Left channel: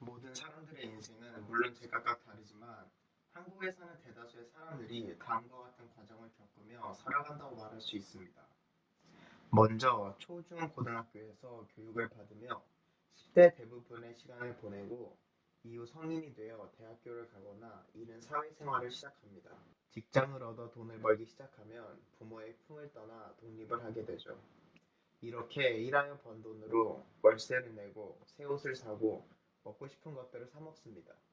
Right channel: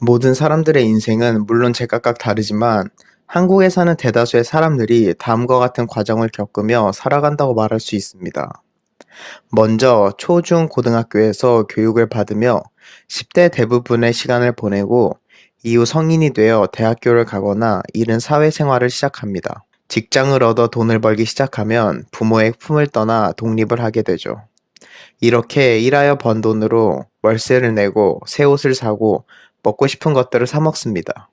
모든 사람들의 인생은 물론 제각각 다르지만 한국에 사는 대다수의 사람들이 다음과 같은 과정을 겪으며 살아간다고 말할 수 있습니다. 먼저 초, 중, 고등학교에서 교육을 받으며 10대 대부분의 시간을 보내고 이후 성인이 되어 대학교를 가거나 이른 사회생활을 시작합니다. 직장을 얻어 돈을 벌기 시작하면 부모의 품을 떠나 독립을 하게 되죠. 이렇게 일하여 번 돈으로 월세를 내고 새 옷을 사고 먹고 싶은 것들을 사 먹습니다.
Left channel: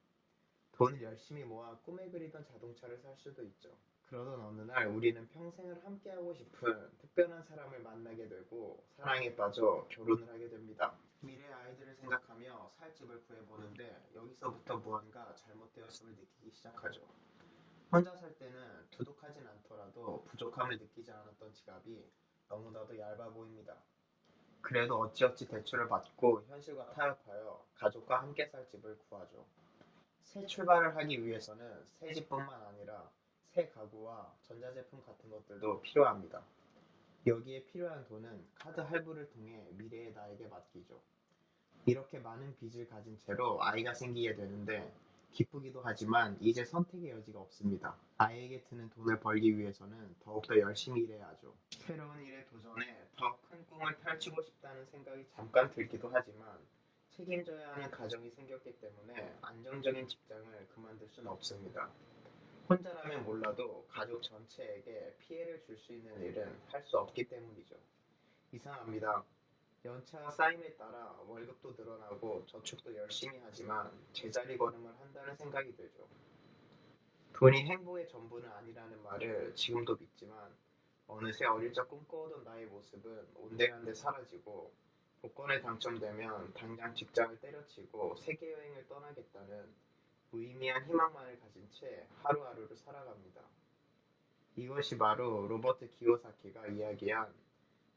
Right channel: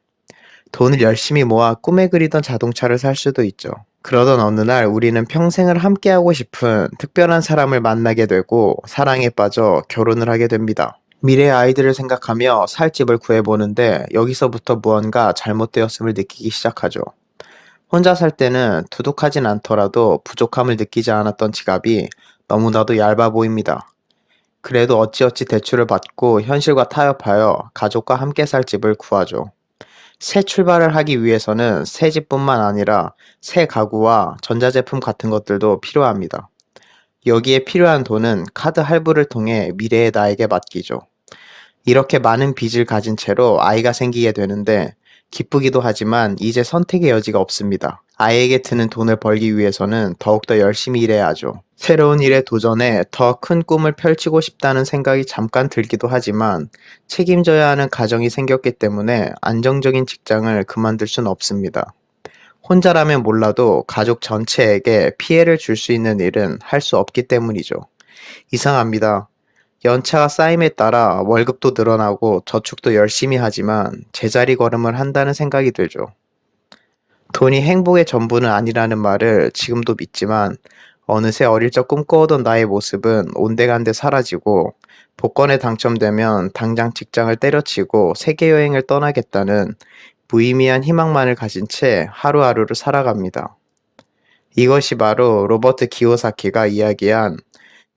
돈을 열심히 모아 꿈에 그리던 자동차를 살 수도 있죠. 그러던 어느 날 우리는 평생을 함께하고 싶은 특별한 사람을 만나게 되고 사랑에 빠져 결혼을 하게 됩니다. 미래의 아이들을 생각하며 살 집을 구해보는데 여기서부터 무언가 잘못되었음을 느끼기 시작하죠. 혼자 살 때는 두둑하진 않더라도 부족함을 느끼지 않았던 지갑이 너무나도 얇아 보입니다. 그래도 어찌어찌 대출을 받고 현실과 타협하여 가족과 함께 살 집을 구하죠. 새 출발을 하기 위해서는 새 집뿐만 아니라 새 가구와 전자제품 같은 것들도 필요합니다. 여기에 필요한 돈은 카드 할부를 통해 미래의 나에게 맡기죠. 이렇게 많은 빚을 가진 채로 아이가 생기게 되는데 기쁘기도 하지만 이제 선택의 여지가 없습니다. 아이에게 드는 돈을 벌기 위해서는 더욱더 열심히 일해야 하죠. 새로운 일에 도전해 더 큰 꿈을 펼치고 싶다는 생각이 잠깐 들기도 하지만 책임져야 하는 가정이 생겼기 때문에 안정적인 직장을 그만둘 순 없습니다. 혼자라면 몰라도 가족 전체에게 피해를 줄 수 있는 일은 할 수 없기 때문이죠. 이상합니다. 연차가 쌓임에 따라 월급도 늘어나고 저축도 열심히 하지만 제자리 걸음을 한다는 생각이 들죠. 돈이 행복의 전부는 아니라는 말을 지금도 믿지만 어느새 어릴 적 꿈꿔오던 나의 모습은 온데간데 사라지고 복권에 당첨되면 당장 직장을 때려치고 세계 여행을 떠나겠다는 무의미한 희망만을 가진 채 하루하루를 살아갑니다. 이것이 바로 로버트 기요사키가 이야기한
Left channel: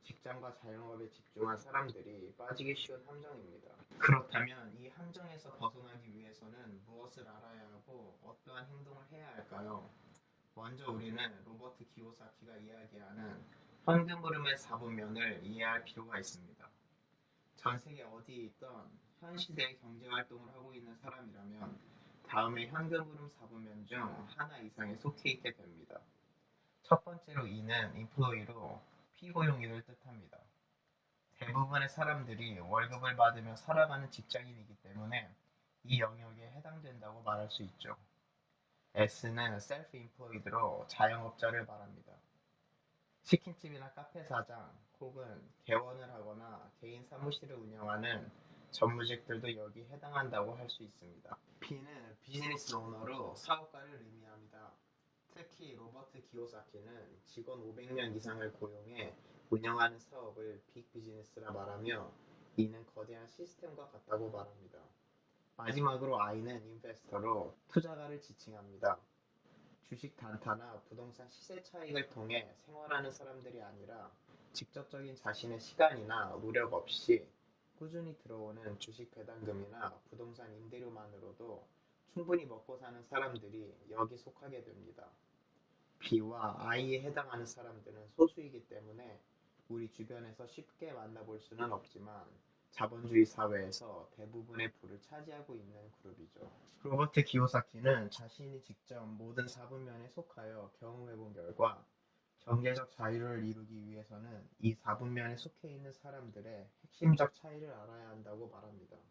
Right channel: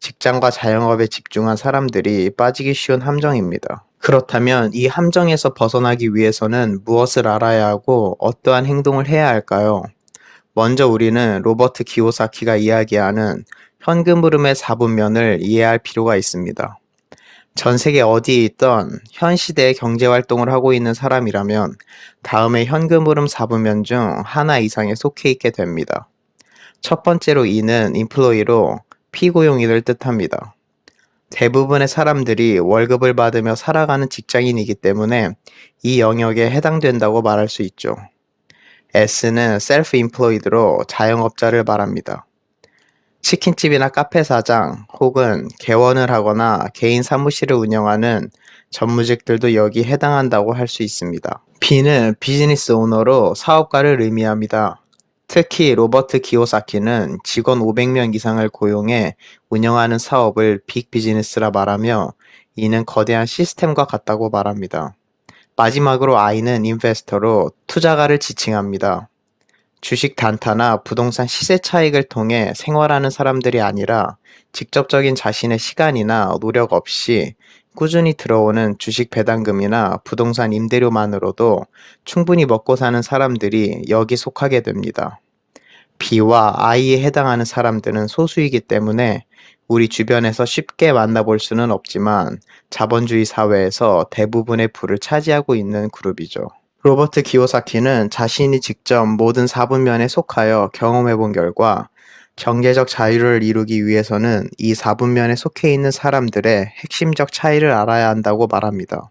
직장과 자영업에 집중한 사람들이 빠지기 쉬운 함정입니다. 그렇다면 이 함정에서 벗어나기 위해서는 무엇을 알아야 하고 어떠한 행동을 해야 할까요? 먼저 우리는 로버트 기요사키가 이야기하는 현금 흐름의 4분면을 이해할 필요가 있습니다. 전 세계 어디에 있던 현 시대의 경제 활동을 하고 있는 사람이라면 다음에 현금 흐름 4분면 중 하나 이상에 속해 있게 됩니다. 첫 번째로 이는 인플로이로 피고용인을 뜻합니다. 대부분의 사람들이 월급을 받으며 살아가는 직장인이기 때문에 이 영역에 해당된다고 말할 수 있죠. S는 self-employed로 자영업자를 말합니다. 치킨집이나 카페 사장 혹은 개원을 하거나 개인 사무실을 운영하는 전무직들도 여기 해당한다고 할 수 있습니다. B는 비즈니스 오너로 사업가를 의미합니다. 특히 로버트 기요사키는 직원 500명 이상을 고용해 운영하는 사업을 빅 비즈니스라 말하며 이는 거대한 시스템과 같다고 말합니다. 마지막으로 I는 인베스터로 투자가를 지칭합니다. 주식 단타나 부동산 시세 차익을 통해 생활하는 사람들이 아니라 직접적인 자신의 시간이나 노력 없이 꾸준히 들어오는 주식 배당금이나 부동산 임대료만으로도 충분히 먹고 사는 사람들이 여기 속하게 됩니다. B와 I에 해당하는 사람들은 소수이기 때문에 우리 주변에서 쉽게 만나볼 수는 없지만 자본주의 사회에서 대부분의 부를 차지하고 있는 그룹이죠. 로버트 기요사키는 자신이 직접 모든 사분면에 속하여 경험해 본 결과 경제적 자유를 이루기 위해서는 이 사분면에 속해 있는 사람들의 핵심적 차이를 알아야 한다고 말합니다.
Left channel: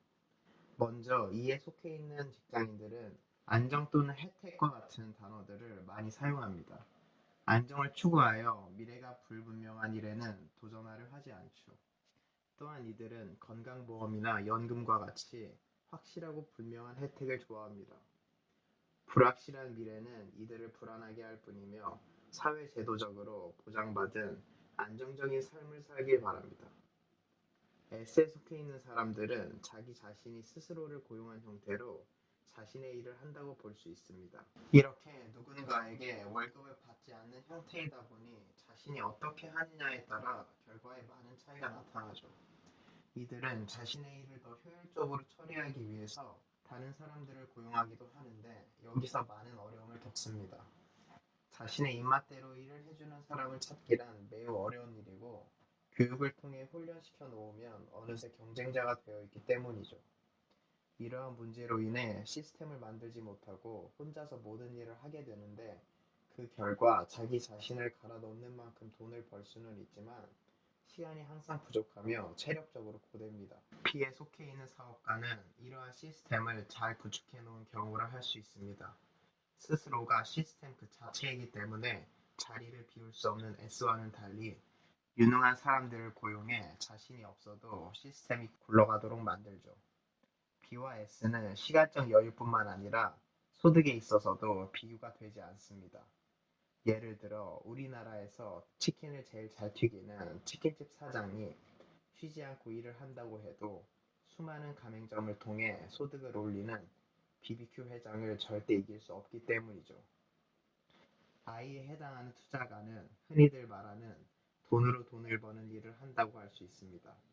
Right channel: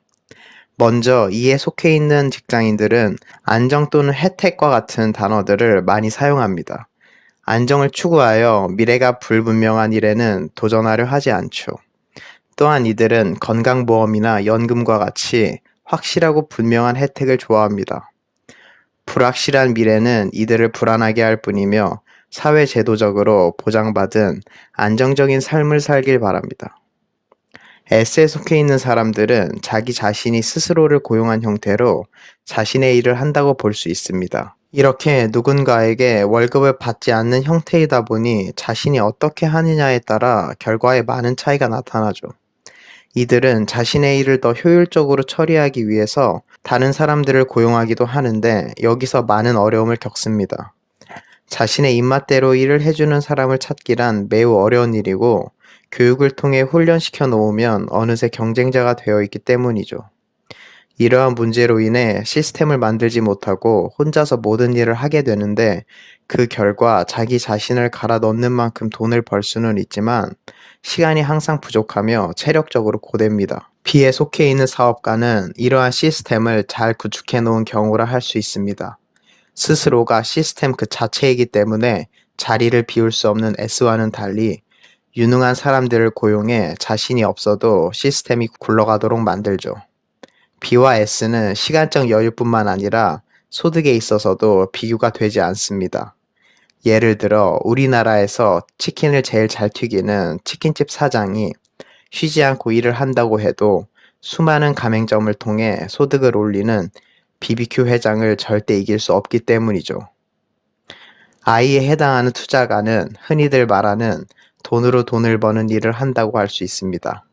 먼저 이에 속해 있는 직장인들은 안정 또는 혜택과 같은 단어들을 많이 사용합니다. 안정을 추구하여 미래가 불분명한 일에는 도전하려 하지 않죠. 또한 이들은 건강보험이나 연금과 같이 확실하고 분명한 혜택을 좋아합니다. 불확실한 미래는 이들을 불안하게 할 뿐이며 사회제도적으로 보장받은 안정적인 삶을 살길 바랍니다. S에 속해 있는 사람들은 자기 자신이 스스로를 고용한 형태로 자신의 일을 한다고 볼 수 있습니다. 이렇게 누군가에게 월급을 받지 않는 형태이다 보니 자신이 어떻게 하느냐에 따라 결과에 많은 차이가 나타나죠. 이들은 자신의 일을 더 효율적으로 처리하기 위해서 다른 사람들을 고용하기도 하는데 여기서 많은 어려움을 겪습니다. 자신의 입맛대로 일을 해주는 사람을 찾기란 매우 어려운 일이고 교육을 통해 훈련시켜 놓으면 어느새 경쟁자가 되어 있기 때문이죠. 이러한 문제로 인해 시스템을 만들지 못하고 혼자서 모든 일을 하게 되는데 그 결과 자기 자신을 갈아 넣는 만큼 돈을 벌 수는 있지만 시간이 항상 부족하며 체력적으로 고됩니다. B에 속해 있는 사업가는 이러한 시스템을 잘 구축해 놓은 경우라 할 수 있습니다. 스스로가 시스템 그 자체이기 때문에 자리를 비울 수 없는 S와는 달리 유능한 사람들을 고용해 자신이 없어도 시스템이 굴러가도록 만들죠. B와 S는 시간적 여유뿐만 아니라 소득에 있어서도 비교가 되지 않습니다. 예를 들어 우리나라에서 치킨을 제일 잘 튀기는 치킨집 사장이 쉬지 않고 일을 한다고 해도 수많은 가맹점을 통해 소득을 올리는 BBQ 회장을 절대 이길 수 없기 때문이죠. I에 해당하는 투자가는 흔히들 말하는 돈으로 돈을 버는 일을 한다고 할 수 있습니다.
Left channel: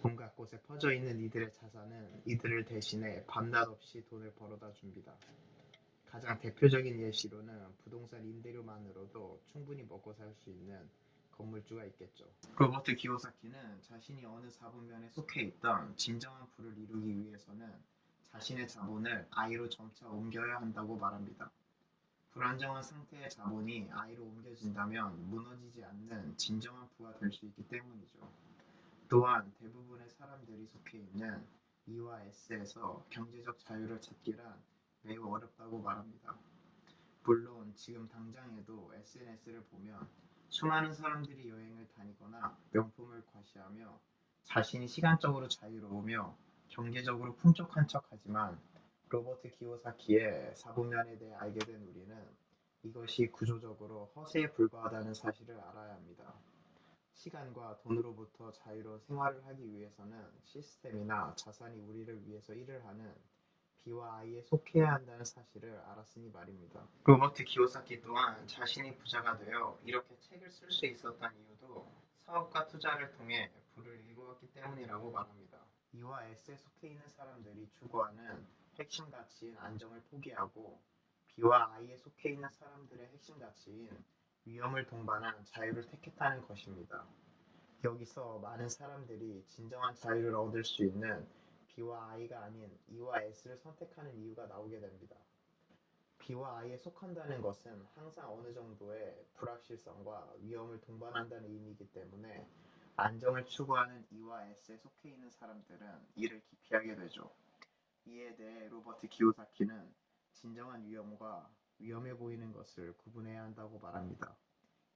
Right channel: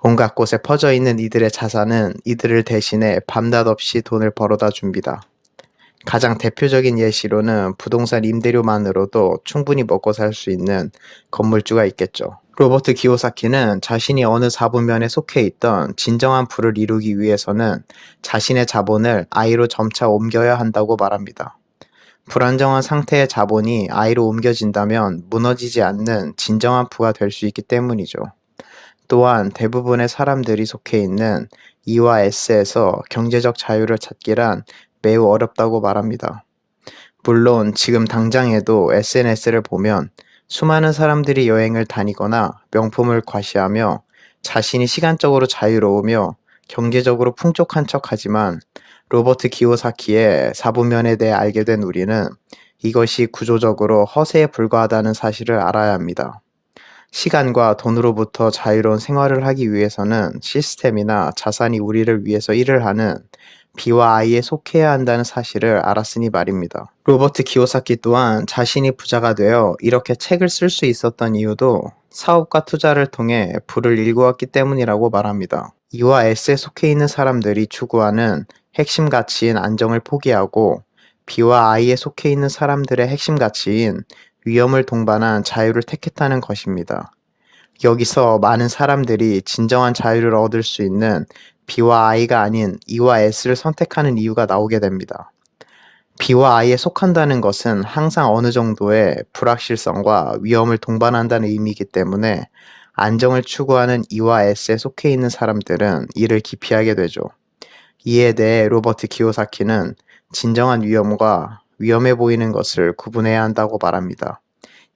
온갖 곳에 퍼져 있는 이들의 자산은 이들을 대신해 밤낮 없이 돈을 벌어다 줍니다. 가장 대표적인 예시로는 부동산 임대료만으로도 충분히 먹고 살 수 있는 건물주가 있겠죠. 로버트 기요사키는 자신이 어느 사부면에 속해 있던 진정한 부를 이루기 위해서는 자신의 자본을 I로 점차 옮겨야 한다고 말합니다. 불안정한 상태의 자본이 I로 옮겨진다면 무너지지 않는 진정한 부가 될 수 있기 때문이죠. 또한 대부분의 사람들이 속해 있는 E와 S에서 경제적 자유를 찾기란 매우 어렵다고 말합니다. 물론 지금 당장에도 SNS를 보면 수많은 사람들이 여행을 다니거나 명품을 과시하며 자신이 시간적으로 자유로우며 경제적으로 풍족한 척하지만 로버트 기요사키의 사부면에 대해 알게 된 우리는 이것이 구조적으로 허세에 불과하다는 사실을 알아야 합니다. 시간과 돈으로부터 자유로운 생활을 하기 위해서는 시스템이나 자산이 우리를 위해서 일을 하는 B와 I에 속해야 한다는 사실을 알았으니 말입니다. 로버트 기요사키 또한 자신이 부자가 되어 이렇게 책을 쓸 수 있었던 이유도 사업과 투자를 통해 부를 일구었기 때문이라고 말합니다. E와 S에 속해 있는 사람들이 추구하는 핵심 가치인 안정을 포기하고 B와 I에 속해 있는 사람들의 핵심 가치인 위험을 동반한 자유를 택했다는 것입니다. 여기서 많은 사람들이 진정한 자유를 얻을 수 있는 B와 I가 아닌 E와 S를 선택하는 이유가 나오게 됩니다. B와 I에 속한다는 것은 항상 어느 정도의 불확실성과 위험을 동반한다는 의미이기 때문에 안정을 추구하는 E와 S에 속해 있는 사람들은 이를 기피하게 되죠. 이에 대해 로버트 기요사키는 진정한 위험과 위험해 보이는 것을 구분해야 한다고 말합니다.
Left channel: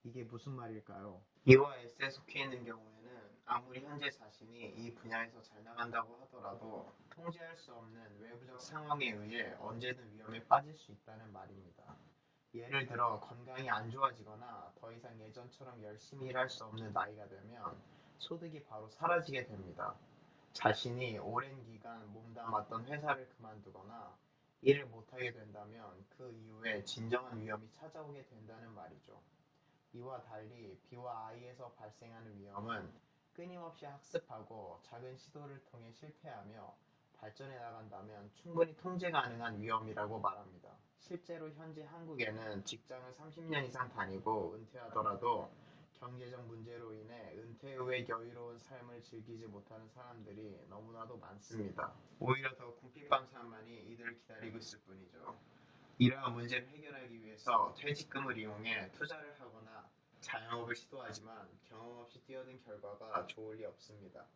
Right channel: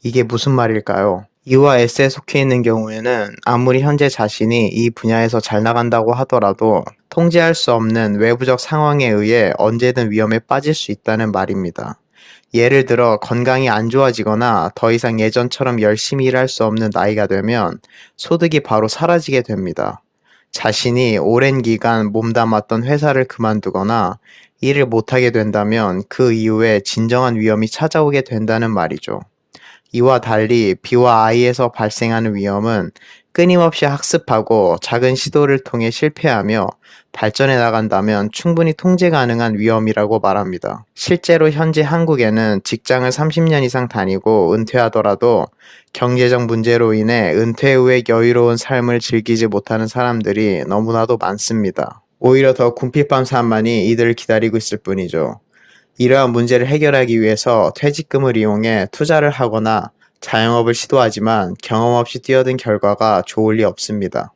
이게 무슨 말일까요? E와 S에 속해 있는 경우에는 아무리 현재 자신이 이 분야에서 잘 나간다고 하더라도 통제할 수 없는 외부적 상황에 의해 언제든 위험에 빠질 수 있다는 말입니다. 예를 들어 건강이 안 좋아지거나 더 이상 예전처럼 열심히 일할 수 없는 나이가 되면 소득이 바로 사라지게 됩니다. 자신이 오랜 기간 몸담았던 회사를 그만두거나 일을 못하게 된다면 그 이후에 진정한 위험이 찾아오게 된다는 말이죠. 이와 달리 B와 I에서 발생하는 위험은 끊임없이 학습하고 작은 시도를 통해 실패하며 발전해 나간다면 충분히 통제 가능한 위험이라고 말합니다. 실제로 현재 한국에는 직장을 30년 이상 다니고 은퇴하더라도 경제적 문제로 인해 은퇴 후에 여유로운 삶을 즐기지 못하는 사람들이 너무나도 많습니다. 오히려 더 궁핍한 삶만이 이들을 기다리고 있을 뿐이죠. 이러한 문제를 해결하기 위해서 퇴직금을 이용해 투자를 하거나 자영업을 시도하지만 경험 없이 뛰어든 결과가 좋을 리 없습니다.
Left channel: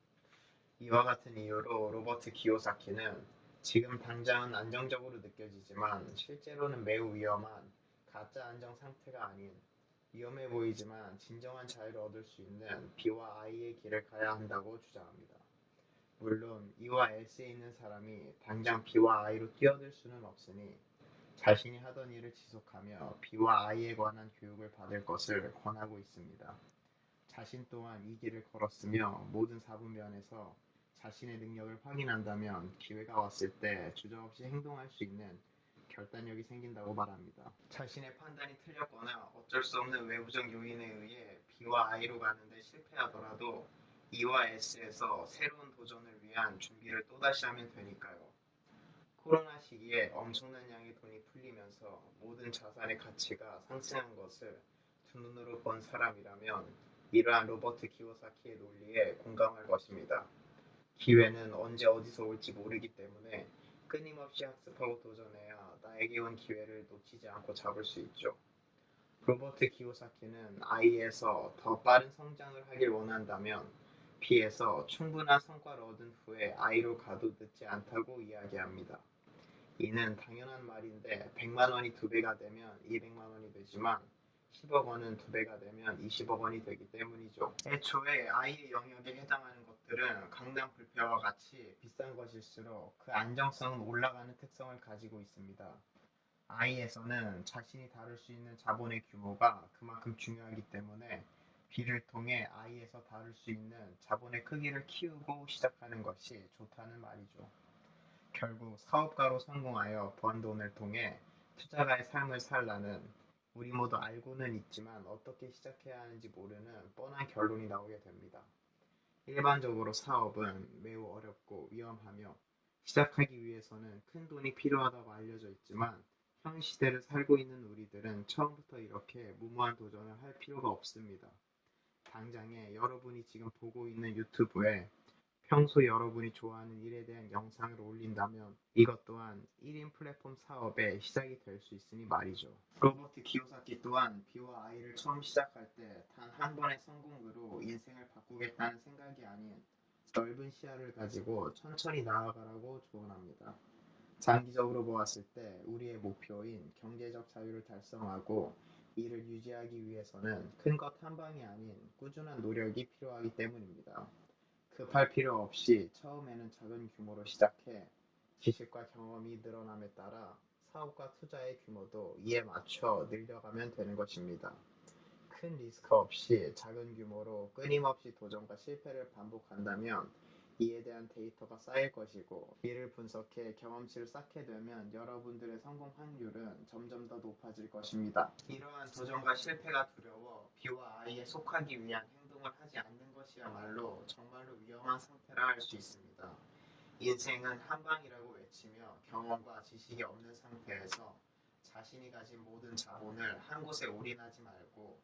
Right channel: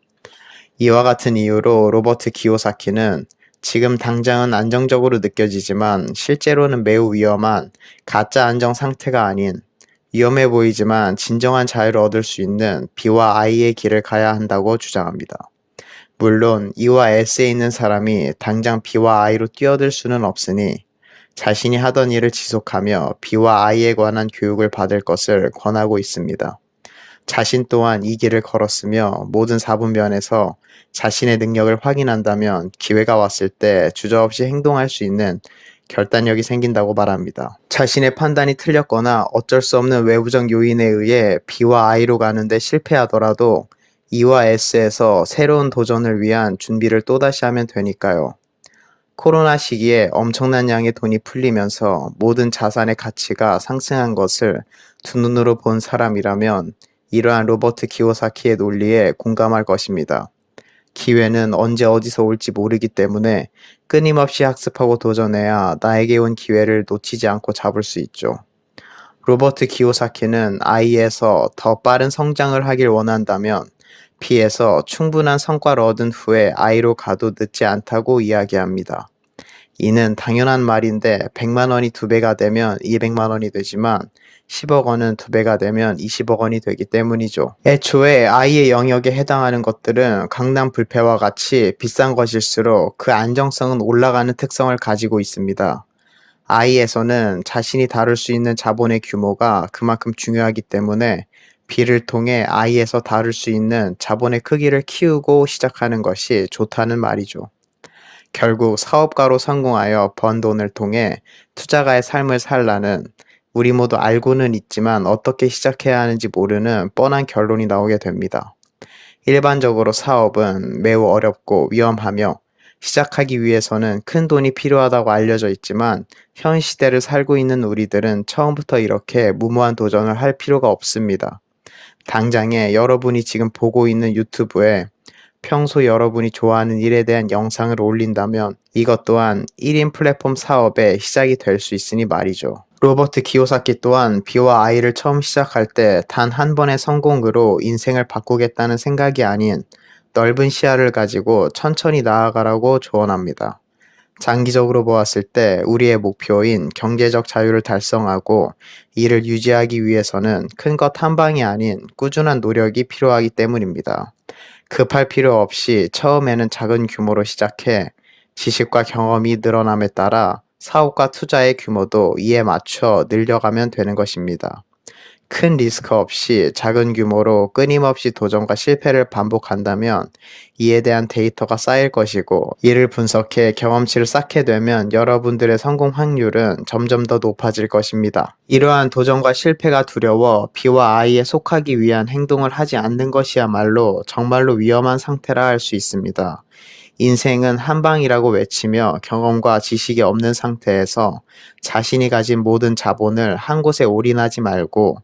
이와 같은 이유로 로버트 기요사키는 지금 당장은 안정적으로 느껴지지만 실제로는 매우 위험한 가짜 안정 상태가 아닌 위험해 보이지만 진정한 자유를 얻을 수 있는 B와 I의 길을 가야 한다고 주장합니다. 물론 E와 S에 있는 사람이 당장 B와 I로 뛰어들 수는 없으니 자신이 하던 일을 지속하며 B와 I에 관한 교육을 받을 것을 권하고 있습니다. 자신 또한 이 길을 걸었으며 모든 사분면에서 자신의 능력을 확인한다면 기회가 왔을 때 주저없이 행동할 수 있는 결단력이 생긴다고 말합니다. 자신의 판단이 틀렸거나 어쩔 수 없는 외부적 요인에 의해 B와 I로 가는데 실패하더라도 E와 S에서 새로운 도전을 위한 준비를 또다시 하면 되니까요. 코로나 시기에 엄청난 양의 돈이 풀리면서 모든 자산의 가치가 상승한 것을 두 눈으로 본 사람이라면 이러한 로버트 기요사키의 논리에 공감할 것입니다. 기회는 언제 어디서 올지 모르기 때문에 끊임없이 학습하고 도전해야 나에게 온 기회를 놓치지 않고 잡을 수 있죠. 로버트 기요사키는 아이에서 더 빠른 성장을 하길 원한다면 B에서 충분한 성과를 얻은 후에 I로 가도 늦지 않다고 이야기합니다. 이는 당연한 말인데 100만 원이 2배가 되면 200만 원이 되지만 10억 원은 2배가 되면 20억 원이 되기 때문이죠. 애초에 I의 영역에 해당하는 것들은 강남 불패와 같이 비싼 것일수록 그 안정성은 올라가는 특성을 가지고 있습니다. I에서는 자신이 다룰 수 있는 자본의 규모가 그만큼 중요하기 때문에 B를 통해 I에서 다룰 수 있는 자본의 크기를 키우고 시작하는 것이 좋다는 말이죠. 결국 사업가로 성공하여 번 돈을 통해 투자가의 삶을 살라는 우리 모두 알고는 있지만 어떻게 시작해야 하는지 모르는 뻔한 결론이 나오게 됩니다. 일반적으로 사업은 매우 어렵고 위험하며 시작하기 위해서는 큰 돈이 필요하다고 알려져 있지만 현 시대를 살고 있는 우리들은 처음부터 이렇게 무모한 도전을 할 필요가 없습니다. 당장에 여러분이 지금 보고 있는 유튜브에 평소 여러분이 좋아하는 일에 대한 영상을 올린다면 이것 또한 1인 플랫폼 사업의 시작이 될 수 있으니 말이죠. 로버트 기요사키 또한 B와 I를 처음 시작할 때 단 한 번의 성공으로 인생을 바꾸겠다는 생각이 아닌 넓은 시야를 가지고 천천히 나아가라고 조언합니다. 장기적으로 보았을 때 우리의 목표인 경제적 자유를 달성하고 이를 유지하기 위해서는 큰 것 한 방이 아닌 꾸준한 노력이 필요하기 때문입니다. 급할 필요 없이 처음에는 작은 규모로 시작해 지식과 경험이 늘어남에 따라 사업과 투자의 규모도 이에 맞춰 늘려가면 되는 것입니다. 큰 리스크 없이 작은 규모로 끊임없이 도전과 실패를 반복한다면 이에 대한 데이터가 쌓일 것이고 이를 분석해 경험치를 쌓게 되면 여러분들의 성공 확률은 점점 더 높아질 것입니다. 이러한 도전과 실패가 두려워 B와 I에 속하기 위한 행동을 하지 않는 것이야말로 정말로 위험한 상태라 할 수 있습니다. 인생은 한 방이라고 외치며 경험과 지식이 없는 상태에서 자신이 가진 모든 자본을 한 곳에 올인하지 말고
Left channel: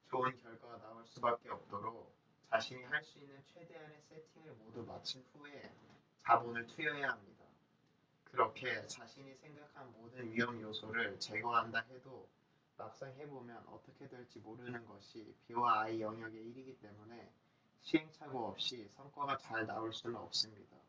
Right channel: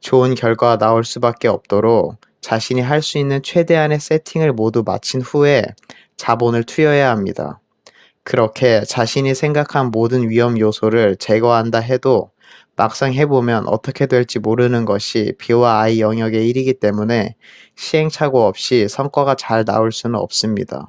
좋은 결과가 나올 수밖에 없도록 자신이 할 수 있는 최대한의 세팅을 모두 마친 후에 자본을 투여해야 합니다. 그렇게 자신이 생각한 모든 위험 요소를 제거한다 해도 막상 해보면 어떻게 될지 모르는 것이 B와 I 영역의 일이기 때문에 시행착오 없이 성과가 잘 나올 수는 없습니다.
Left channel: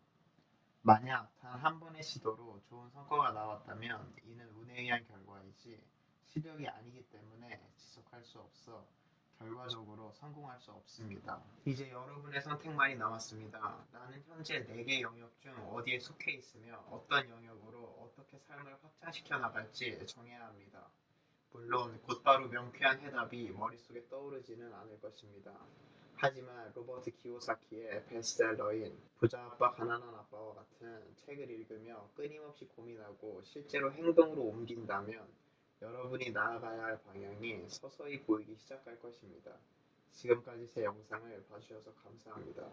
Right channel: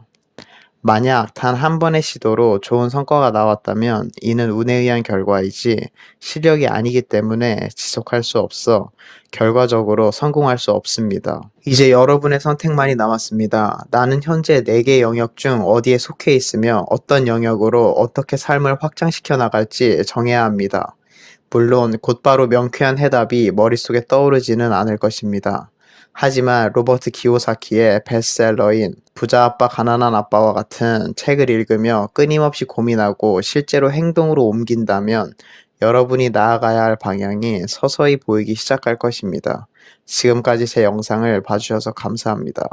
만약 단 한 번의 시도로 좋은 성과가 나왔다면 이는 운에 의한 결과이지 실력이 아니기 때문에 지속할 수 없어 결과적으로 성공할 수 없습니다. 이제 여러분의 선택만이 남았습니다. 나는 현재 4개 영역 중 어디에 속해 있으며 어떤 영역으로 어떻게 삶을 확장시켜 나갈지 정해야 합니다. 물론 곧바로 명쾌한 해답이 머릿속에 떠오르지는 않을 것입니다. 하지만 로버트 기요사키의 베스트셀러인 부자 아빠 가난한 아빠와 같은 책을 읽으며 끊임없이 고민하고 실제로 행동으로 옮긴다면 여러분이 나아가야 할 방향이 서서히 보이기 시작할 것입니다. 지금까지 제 영상을 봐주셔서 감사합니다.